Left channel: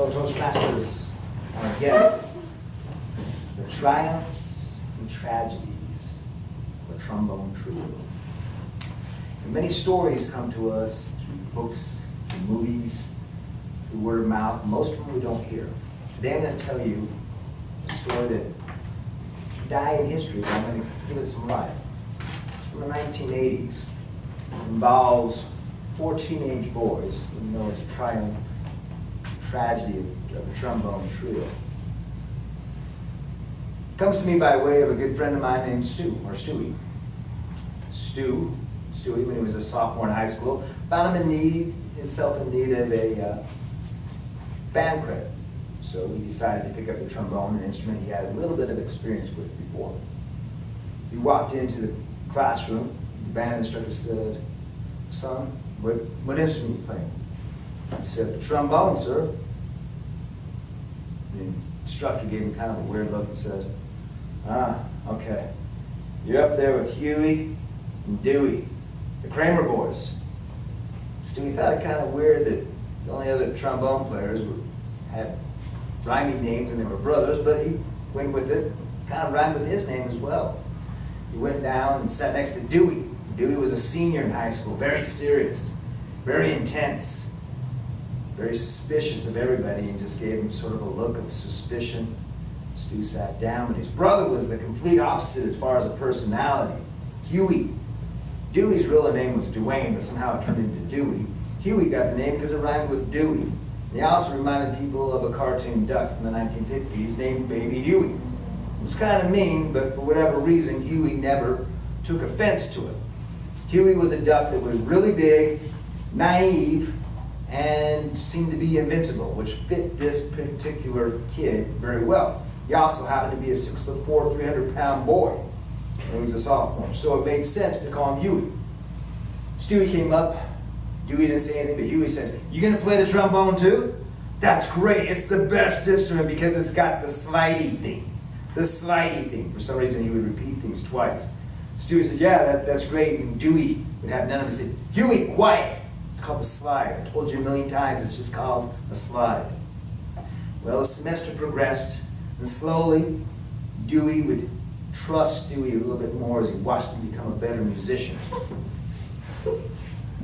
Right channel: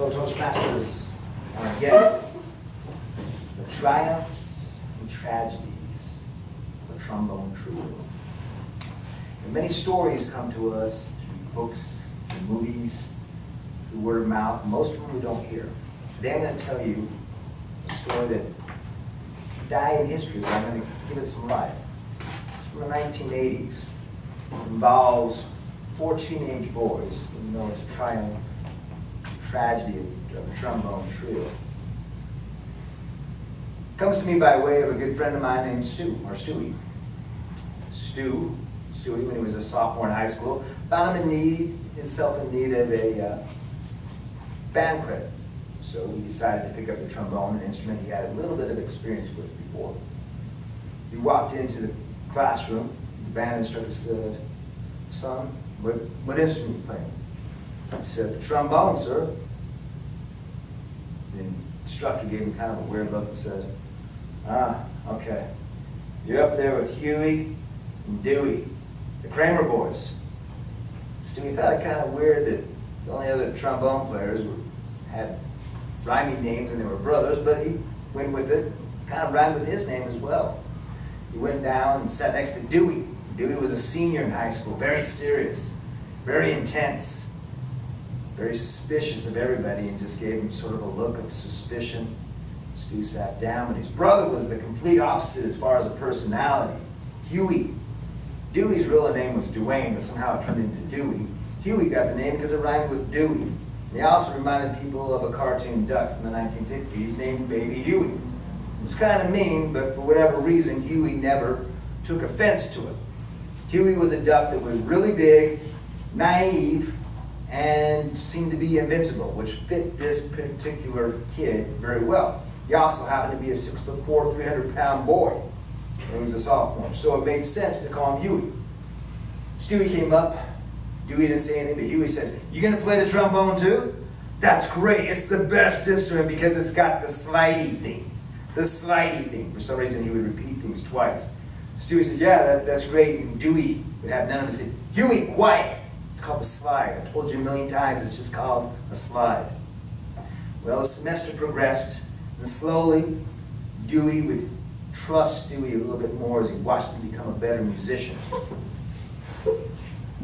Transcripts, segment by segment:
So Toastmasters, our guests, the triumphs and tragedies of a trombone trio. And many stories come to us through books, through movies, through word of mouth. Most of them we don't hear. Today I'm going to tell you a story that died in history, but I'm going to give it some life. It's from the 1980s. It involves 4 teenage boys, even though it's a triumph, tragedy of a trombone trio. It comes to me by way of a good friend of mine named Stewie. Stewie, when he was a sophomore in high school, found himself in need of a band credit. So he decided to pick up the trombone, an instrument he had a little bit of experience with before. He walked into the classroom. The band instructor said, "Son, what instrument are you playing?" I said, "The trombone, sir." The instructor gave him kind of a weird look and said, "Ah, okay. You're up there with Huey and Dewey, the Kramer boys." Stewie thought it kind of weird that the only other trombone players had rhyming names and they were brothers, but he went with it, kind of rhymed with his name as well. He went down and sat next to Dewey. Dewey was a senior in high school, very serious, very intense, very suspicious of everybody, and just gave him sort of a look of suspicion. Stu sat down, but his brother was the complete opposite as far as a personality. Huey. Dewey's real name was Duane, but somehow it turned into Dewey. Huey got the name because it rhymed with Dewey. And he also reminded people of a cartoon duck from the 1950s named Baby Huey. It was kind of mean, but for whatever reason, Huey never took offense to it. Huey was a duck that was really big, naive, and seemed to be invincible, which fit this particular kid very well. He also happened to be a 6'4", 300-pound boy when he was a sophomore, so it made sense to call him Huey. Stewie came up. Dewey didn't say anything, but Huey said, "You going to play the trombone too?" "That's great. It's the best instrument because it's got the slidey thing." The slidey thing. For some reason, he would repeat things twice. Stewie said, "Yeah, that's great." And Dewey would have none of it. Say, "Huey, quiet. It's called the slide. I've told you a million times, it's just called a slide." Well, the semester progressed, and slowly, Dewey would trust Stewie a little bit more as he watched him become a better musician.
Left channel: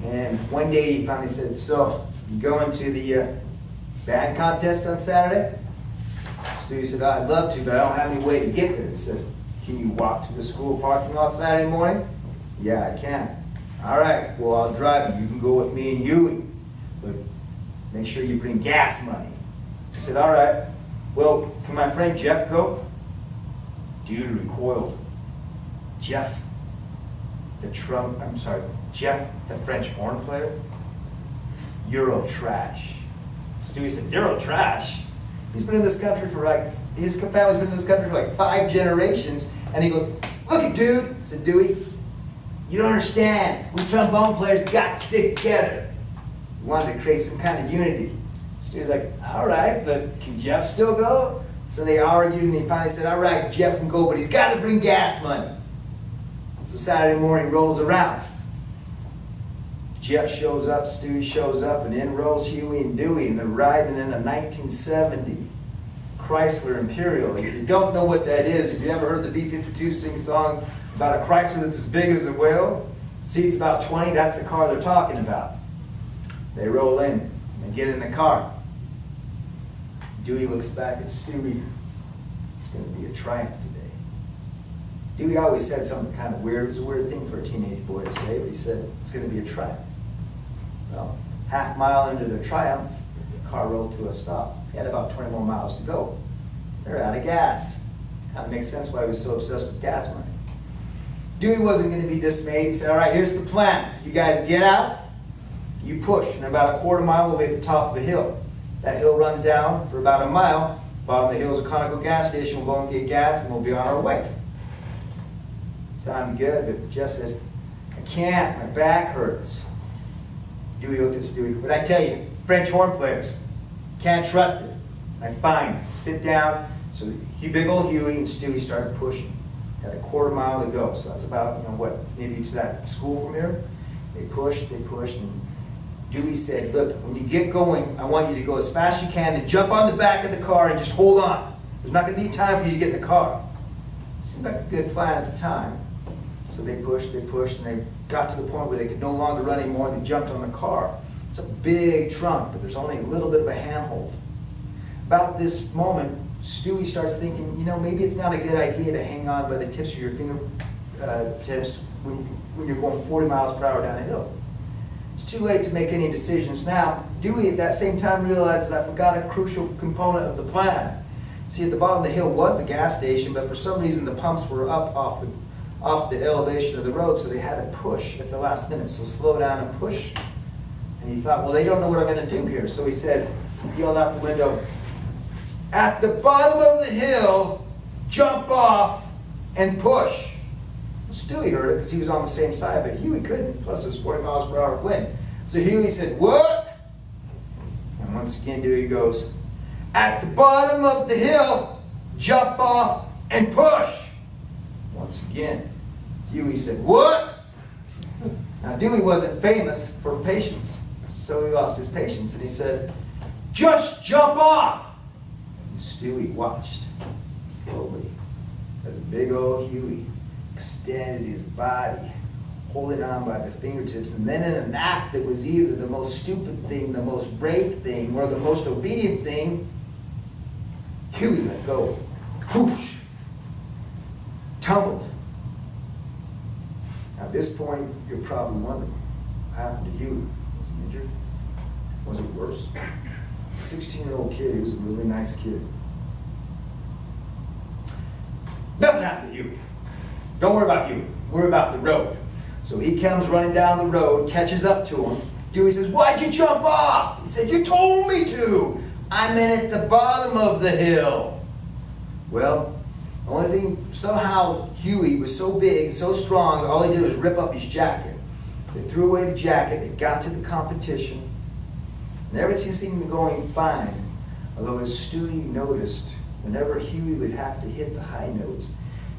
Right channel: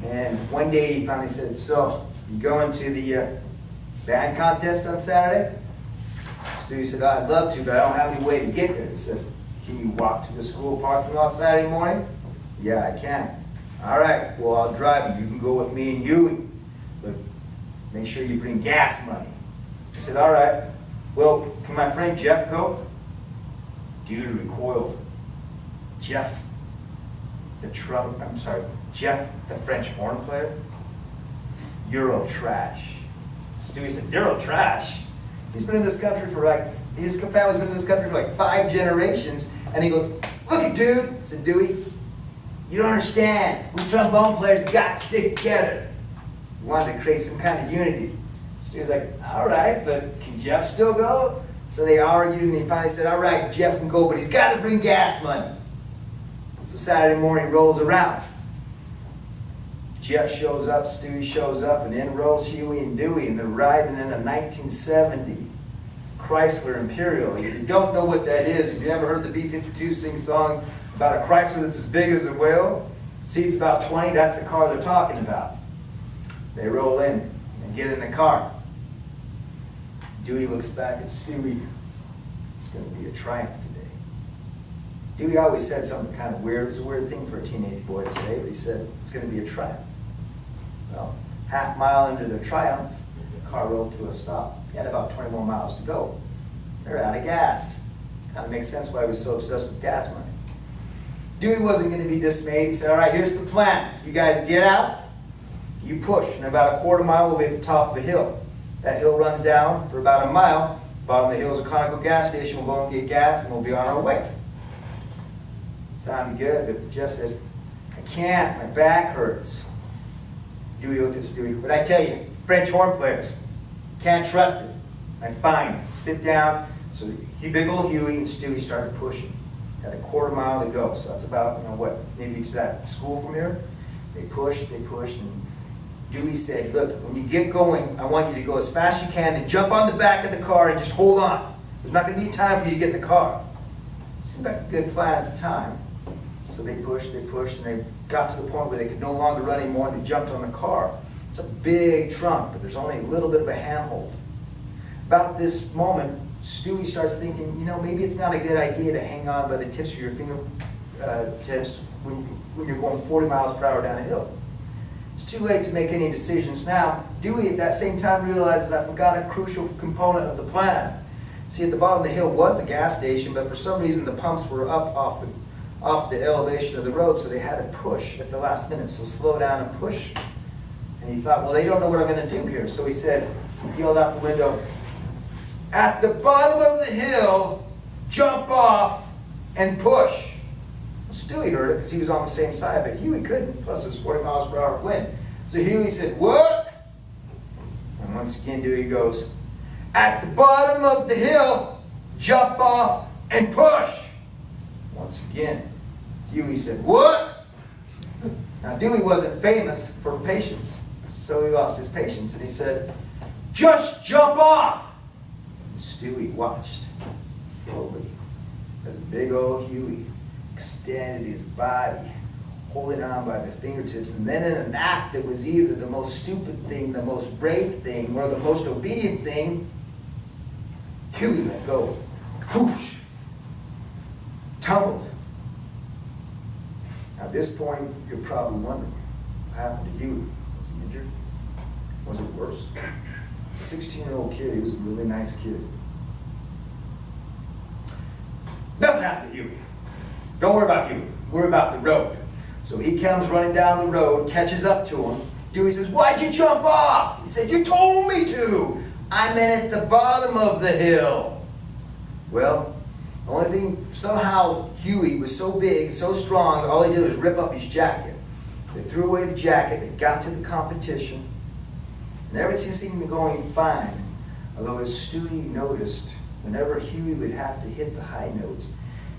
And one day he finally said, "So, you going to the band contest on Saturday?" Stewie said, "I'd love to, but I don't have any way to get there." He said, "Can you walk to the school parking lot Saturday morning?" "Yeah, I can." "All right, well, I'll drive you. You can go with me and Huey, but make sure you bring gas money." I said, "All right. Well, can my friend Jeff go?" Dude recoiled. Jeff, Jeff, the French horn player? Euro trash. Stewie said, "Euro trash?" He's been in this country for his family's been in this country for 5 generations, and he goes, "Look it, dude," said Dewey, "you don't understand. We trombone players got to stick together." He wanted to create some kind of unity. Stewie's like, "All right, but can Jeff still go?" So they argued, and he finally said, "All right, Jeff can go, but he's got to bring gas money." So Saturday morning rolls around. Jeff shows up, Stewie shows up, and in rolls Huey and Dewey, and they're riding in a 1970 Chrysler Imperial. If you don't know what that is, if you ever heard the B-52 sing a song about a Chrysler that's as big as a whale, seats about 20, that's the car they're talking about. They roll in and get in the car. Dewey looks back at Stewie. "It's going to be a triumph today." Dewey always said something kind of weird. It was a weird thing for a teenage boy to say, but he said, "It's going to be a triumph." Well, half mile into the triumph, the car rolled to a stop. He had about 20 more miles to go. They're out of gas. Kind of makes sense why he was so obsessed with gas money. Dewey wasn't going to be dismayed. He said, "All right, here's the plan. You guys get out, you push, and about a quarter mile we'll be at the top of the hill. That hill runs down for about a mile. Bottom of the hill is a Conoco gas station. We'll go and get gas, and we'll be on our way." Sounded good, but Jeff said, "I can't. My back hurts." Dewey looked at Stewie. "But I tell you, French horn players, can't trust it." "I'm fine. Sit down." So big old Huey and Stewie started pushing. Had a quarter mile to go. So that's about, maybe to that school from here. They pushed, and Dewey said, look, when you get going, I want you to go as fast as you can and jump on the back of the car and just hold on. There's not going to be time for you to get in the car. Seemed like a good plan at the time. So they pushed, and they got to the point where they could no longer run anymore, and they jumped on the car. It's a big trunk, but there's only a little bit of a handhold. About this moment, Stewie starts thinking, maybe it's not a good idea to hang on by the tips of your fingertips when you're going 40 miles per hour down a hill. It's too late to make any decisions now. Dewey at that same time realizes I forgot a crucial component of the plan. See, at the bottom of the hill was a gas station, but for some reason the pumps were up off the elevation of the road, so they had to push at the last minute. So slow down and push. And he thought, well, they don't know what I'm going to do here. So he yelled out the window, at the bottom of the hill, jump off and push. Stewie heard it because he was on the same side, but Huey couldn't. Plus, it was 40 miles per hour wind. So Huey said, what? And once again, Dewey goes, at the bottom of the hill, jump off and push. Once again, Huey said, what? Now, Dewey wasn't famous for patience, so he lost his patience, and he said, just jump off. And Stewie watched slowly as big old Huey extended his body, holding on by the fingertips, and then in an act that was either the most stupid thing, the most brave thing, or the most obedient thing, Huey let go. Whoosh! Tumbled. Now, at this point, you're probably wondering, what happened to Huey? Was he injured? Was it worse? 16-year-old kid, he was a really nice kid. Nothing happened to Huey. Don't worry about Huey. Worry about the road. So he comes running down the road, catches up to him. Dewey says, why'd you jump off? He said, you told me to. I meant at the bottom of the hill. Well, the only thing, somehow Huey was so big, so strong, all he did was rip up his jacket. They threw away the jacket, they got to the competition, and everything seemed to be going fine. Although as Stewie noticed, whenever Huey would have to hit the high notes,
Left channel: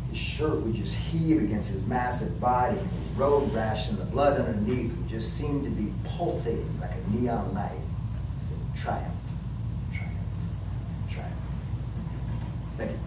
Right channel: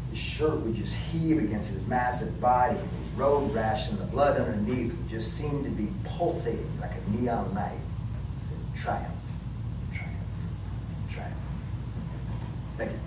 his shirt would just heave against his massive body, and his road rash and the blood underneath would just seem to be pulsating like a neon light. He said, triumph, triumph, triumph. Thank you.